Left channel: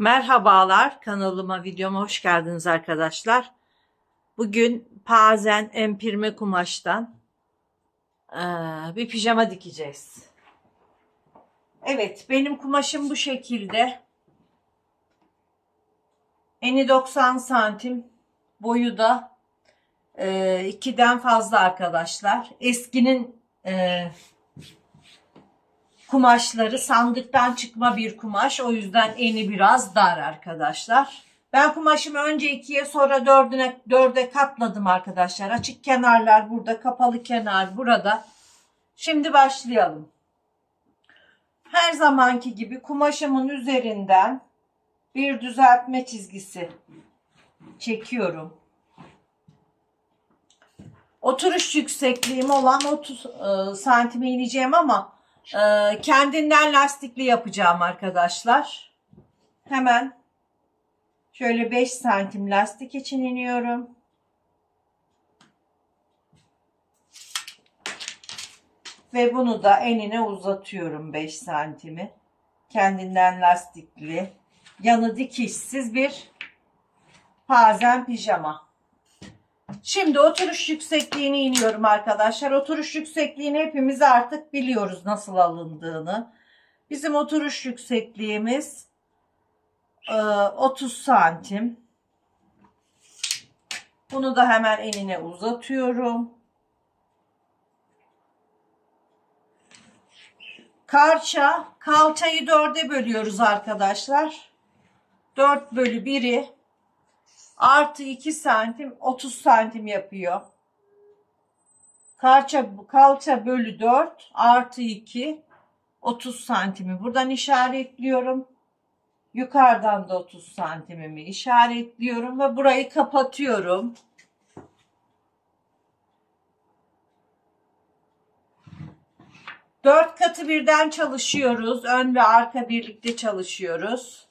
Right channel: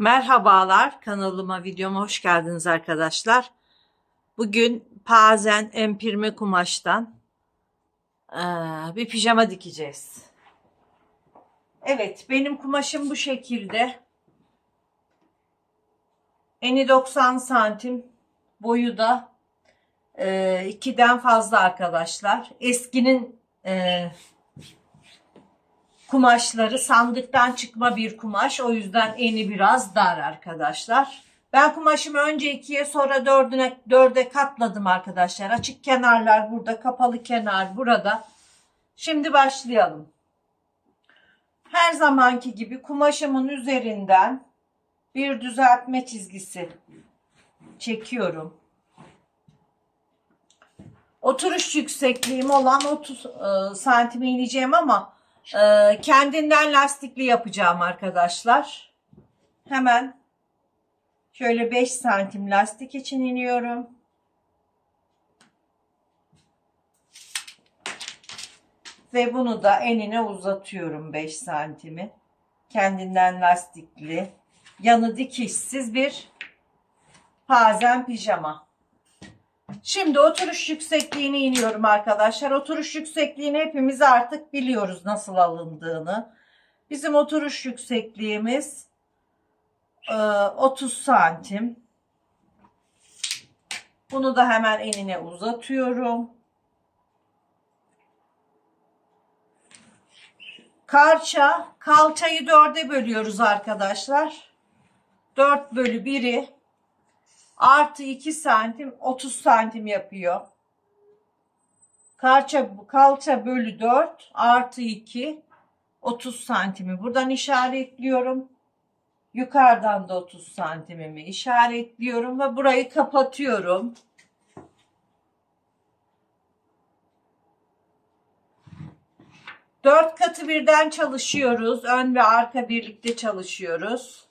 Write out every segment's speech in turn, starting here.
Merhabalar, kanalıma, videoma hoş geldiniz arkadaşlar. Bugün pazen empirme kumaştan bir pijama dikeceğiz. Evet, benim kumaşım bu şekilde. Eni 90 santim, boyu da 2'den fazla arkadaşlar. Eskinin kumaşları sandıktan çıkma bir kumaş. O yüzden eni biraz dar arkadaşlar. Ben kumaşımı önce 2'ye sonra 4'e katladım arkadaşlar. Açık kenarlar burada, kapalı kenar burada. Şimdi başlayalım. Her zamanki gibi kumaşımın üzerinden bir düzeltme çizgisi çekiyorum. Oturuş yüksekliğim olan 30 santime ineceğim ama kendinden lastikli yapacağım arkadaşlar. Hemen şöyle 5 santim lastik için iniyorum. Ve bunu da enine uzatıyorum 5 santimi. Kendinden lastikli, yanı dikişsiz bir pazen pijama. Şimdi oturuş yüksekliğini iniyorum arkadaşlar. Oturuş yüksekliğini hepimiz artık biliyoruz nasıl alındığını. Bizim oturuş yüksekliğimiz 30 santim. Bunu da hemen enine uzatıyorum. Kalçayı 4'e bölüyoruz arkadaşlar. 4 bölü 1'i artı 2 santim 30 santim yapıyor. Kalça bölü 4 artı 2 30 santimi buradan işaretliyorum. Yukarıdan da 30 santimimi işaretliyorum ve burayı kapatıyorum. Dört katı birden çalışıyoruz. Ön ve arka birlikte çalışıyoruz.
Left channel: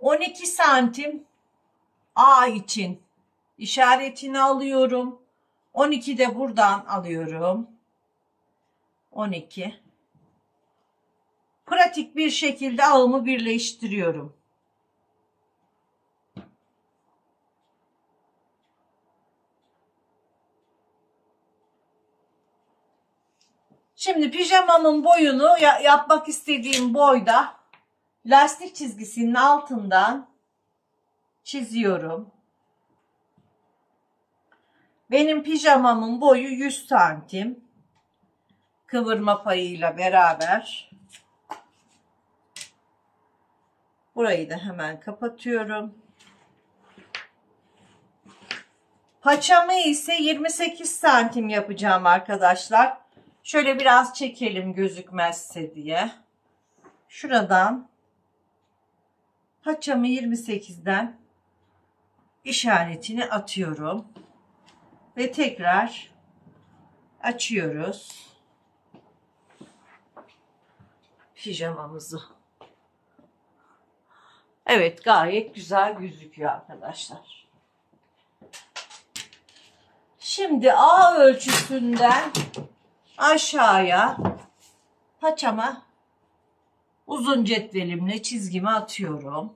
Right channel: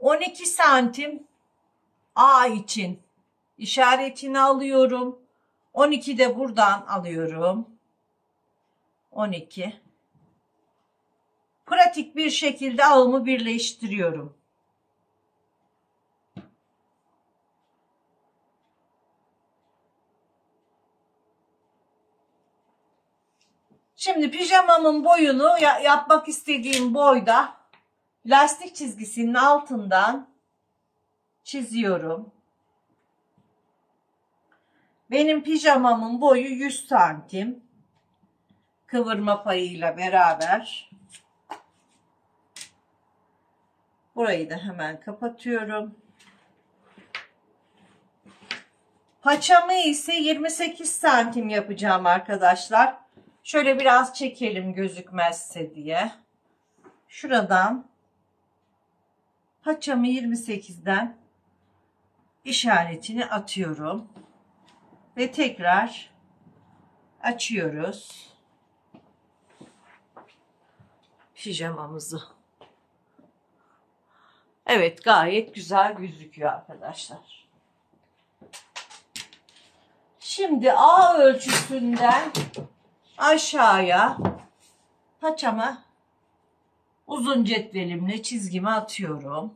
12 santim A için işaretini alıyorum. 12 de buradan alıyorum. 12. Pratik bir şekilde ağımı birleştiriyorum. Şimdi pijamamın boyunu yapmak istediğim boyda lastik çizgisinin altından çiziyorum. Benim pijamamın boyu 100 santim. Kıvırma payıyla beraber. Burayı da hemen kapatıyorum. Paçamı ise 28 santim yapacağım arkadaşlar. Şöyle biraz çekelim gözükmezse diye. Şuradan paçamı 28'den işaretini atıyorum. Ve tekrar açıyoruz pijamamızı. Evet, gayet güzel gözüküyor arkadaşlar. Şimdi A ölçüsünden aşağıya paçama uzun cetvelimle çizgimi atıyorum.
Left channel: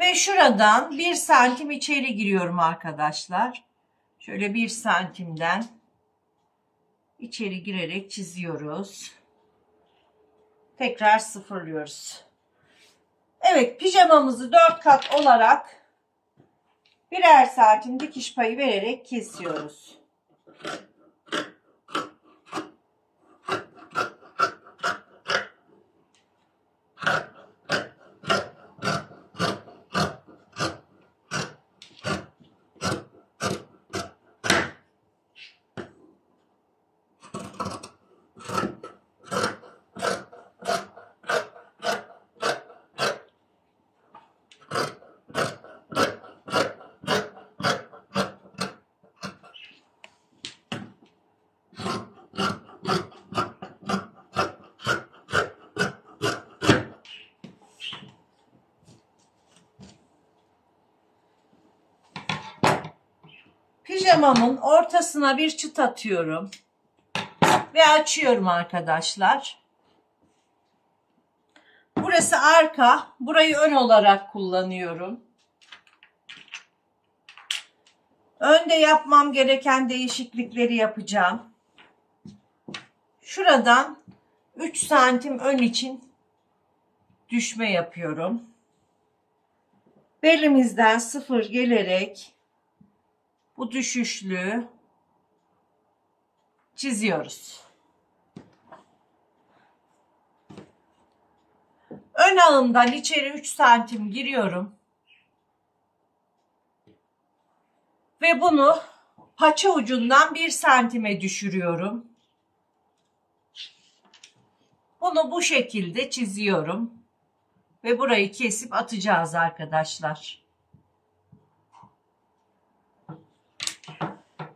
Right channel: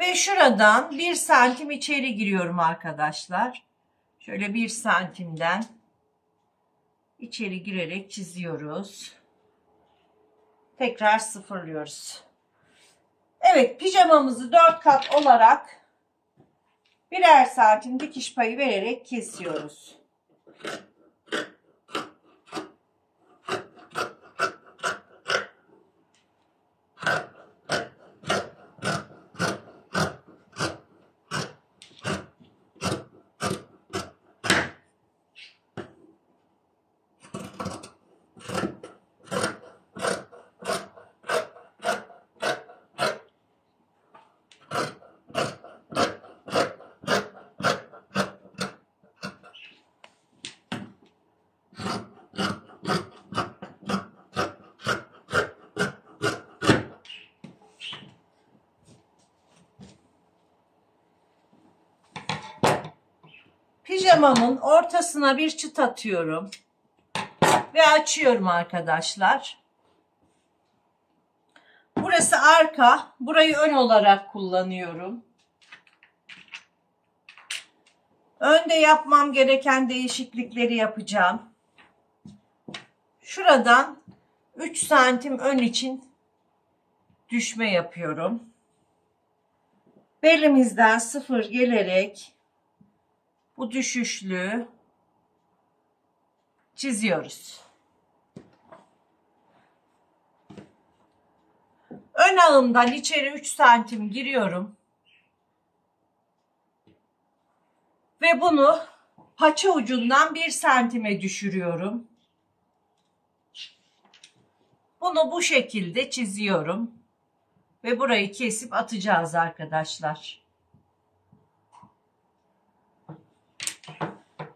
Ve şuradan 1 santim içeri giriyorum arkadaşlar. Şöyle 1 santimden içeri girerek çiziyoruz. Tekrar sıfırlıyoruz. Evet, pijamamızı 4 kat olarak birer santim dikiş payı vererek kesiyoruz. Pijamamın ortasına bir çıt atıyorum ve açıyorum arkadaşlar. Burası arka, burayı ön olarak kullanıyorum. Önde yapmam gereken değişiklikleri yapacağım. Şuradan 3 santim ön için düşme yapıyorum. Belimizden 0 gelerek bu düşüşlüğü çiziyoruz. Ön ağımdan içeri 3 santim giriyorum. Ve bunu paça ucundan 1 santime düşürüyorum. Bunu bu şekilde çiziyorum. Ve burayı kesip atacağız arkadaşlar.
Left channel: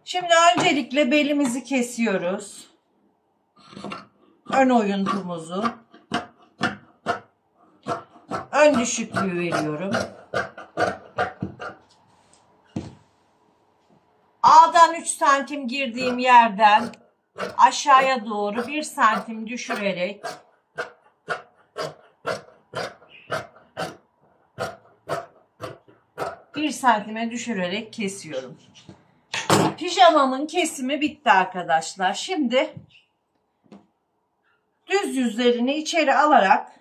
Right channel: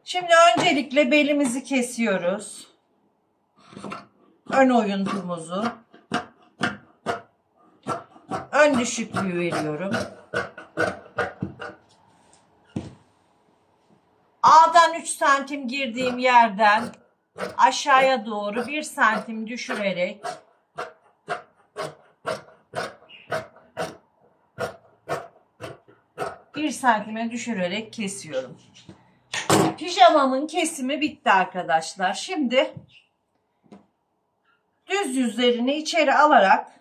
Şimdi öncelikle belimizi kesiyoruz. Ön oyuntumuzu. Ön düşüklüğü veriyorum. A'dan 3 santim girdiğim yerden aşağıya doğru 1 santim düşürerek bir santime düşürerek kesiyorum. Pijamamın kesimi bitti arkadaşlar. Şimdi düz yüzlerini içeri alarak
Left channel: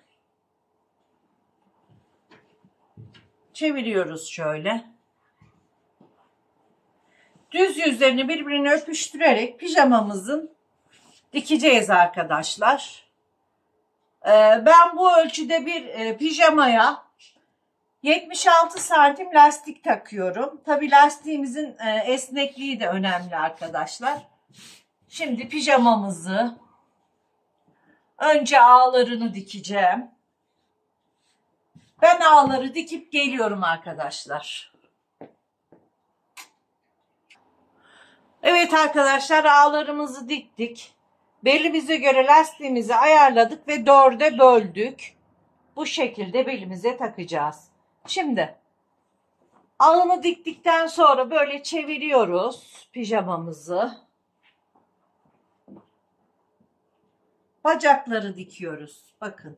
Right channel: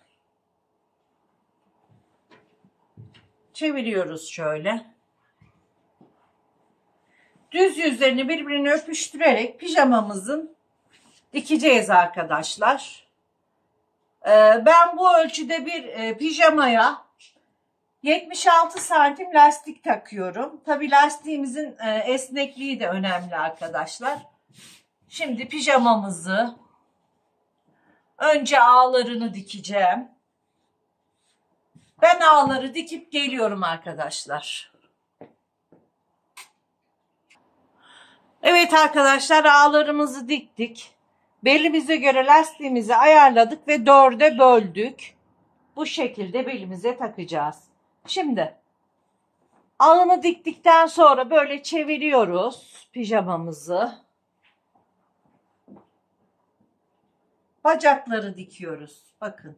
çeviriyoruz şöyle. Düz yüzlerini birbirine öpüştürerek pijamamızın dikeceğiz arkadaşlar. Ben bu ölçüde bir pijamaya 76 santim lastik takıyorum. Tabi lastiğimizin esnekliği de önemli arkadaşlar. Şimdi pijamamızı önce ağlarını dikeceğim. Ben ağları dikip geliyorum arkadaşlar. Evet arkadaşlar, ağlarımızı diktik. Belimize göre lastiğimizi ayarladık ve 4'e böldük. Bu şekilde belimize takacağız. Şimdi ağını diktikten sonra böyle çeviriyoruz pijamamızı. Bacakları dikiyoruz. Bakın.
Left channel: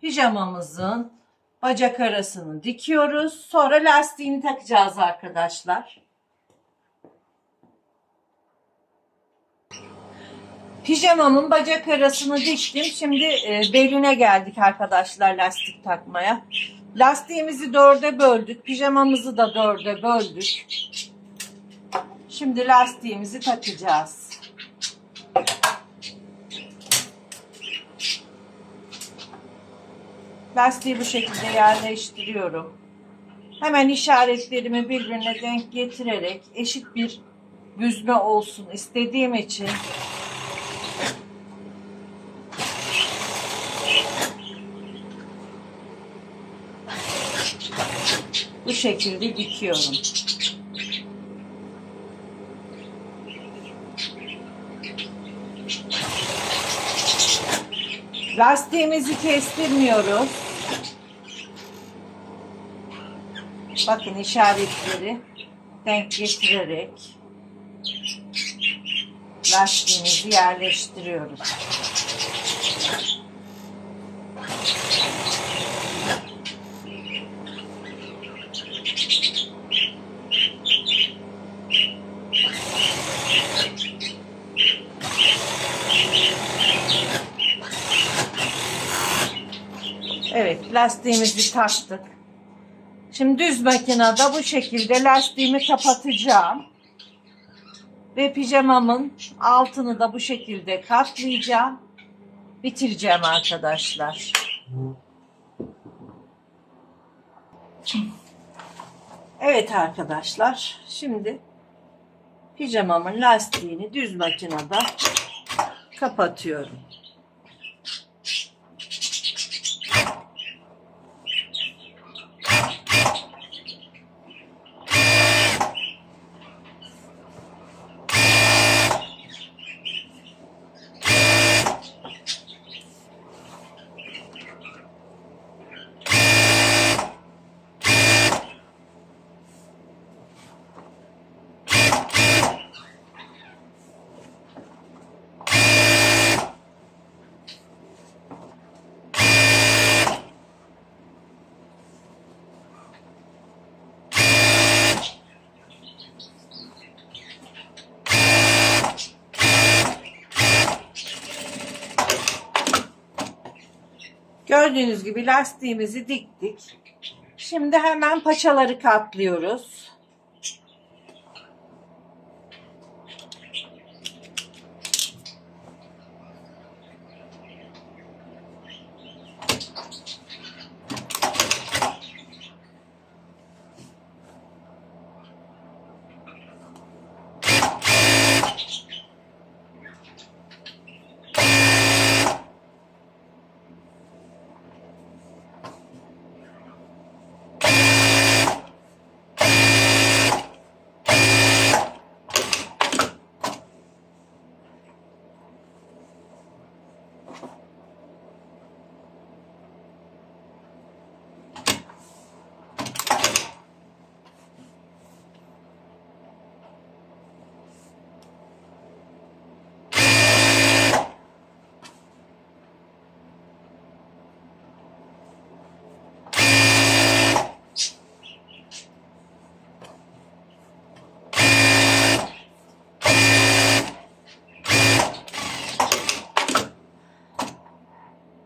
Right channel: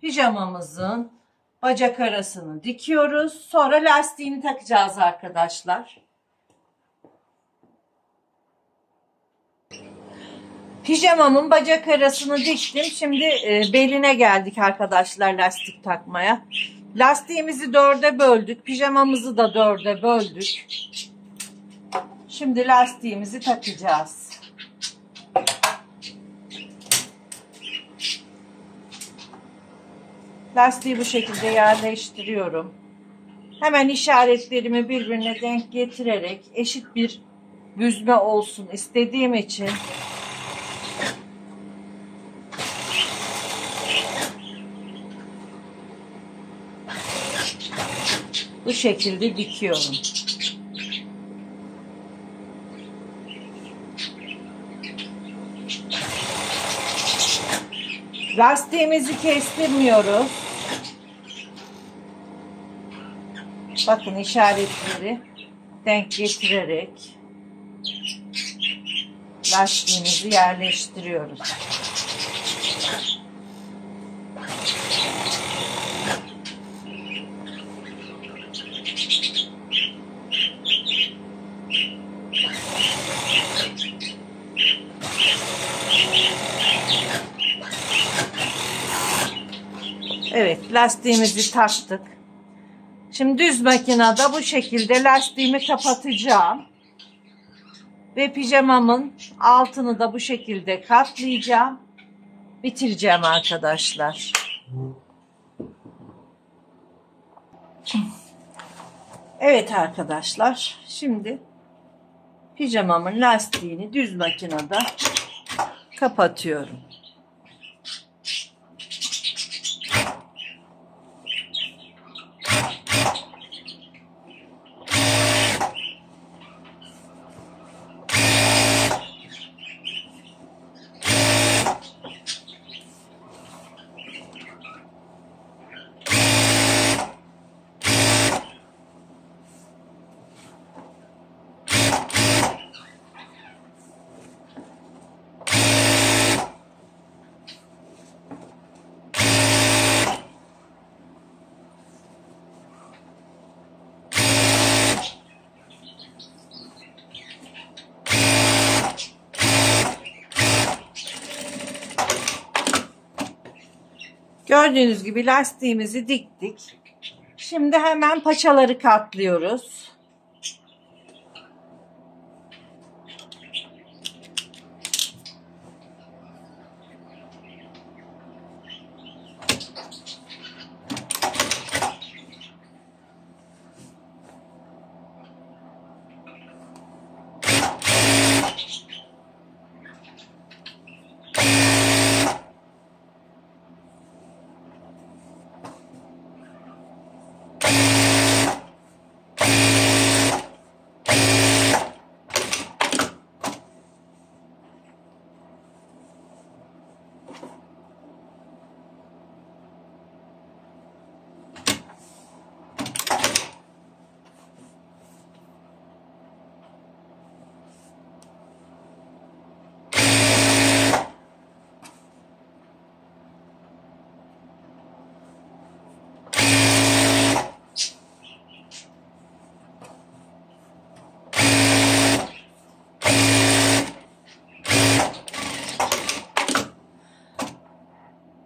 Pijamamızın bacak arasını dikiyoruz. Sonra lastiğini takacağız arkadaşlar. Pijamamın bacak arasını diktim. Şimdi beline geldik arkadaşlar lastik takmaya. Lastiğimizi 4'e böldük. Pijamamızı da 4'e böldük. Şimdi lastiğimizi takacağız. Lastiği bu şekilde yerleştiriyorum. Hemen işaretlerimi birbirine denk getirerek eşit bir büzme olsun istediğim için bu şekilde dikiyorum. Lastiğimizi kestirmiyoruz. Bakın işaretleri denk getirerek lastiğimizi yerleştiriyoruz. Evet, lastiğimizi taktık. Şimdi düz makinede bu şekilde lastiğimi kapatacağım. Ve pijamamın altını da bu şekilde katlayacağım. Bitireceğim arkadaşlar. Evet arkadaşlar. Şimdi pijamamın lastiğini düz makinede kapatıyorum. Gördüğünüz gibi lastiğimizi diktik. Şimdi hemen paçaları katlıyoruz.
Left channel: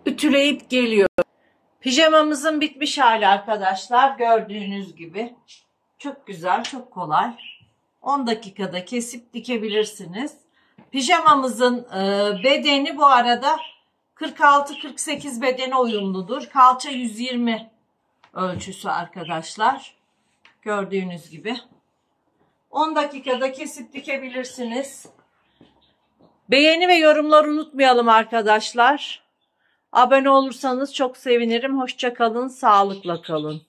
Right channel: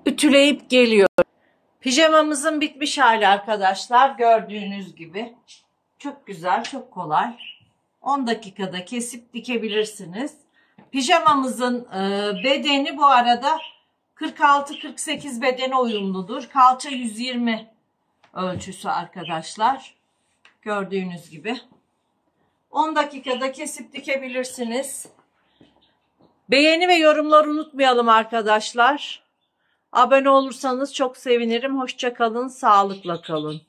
Ütüleyip geliyor. Pijamamızın bitmiş hali arkadaşlar. Gördüğünüz gibi. Çok güzel, çok kolay. 10 dakikada kesip dikebilirsiniz. Pijamamızın bedeni bu arada 46-48 bedene uyumludur. Kalça 120 ölçüsü arkadaşlar. Gördüğünüz gibi. 10 dakikada kesip dikebilirsiniz. Beğeni ve yorumlar unutmayalım arkadaşlar. Abone olursanız çok sevinirim. Hoşça kalın, sağlıkla kalın.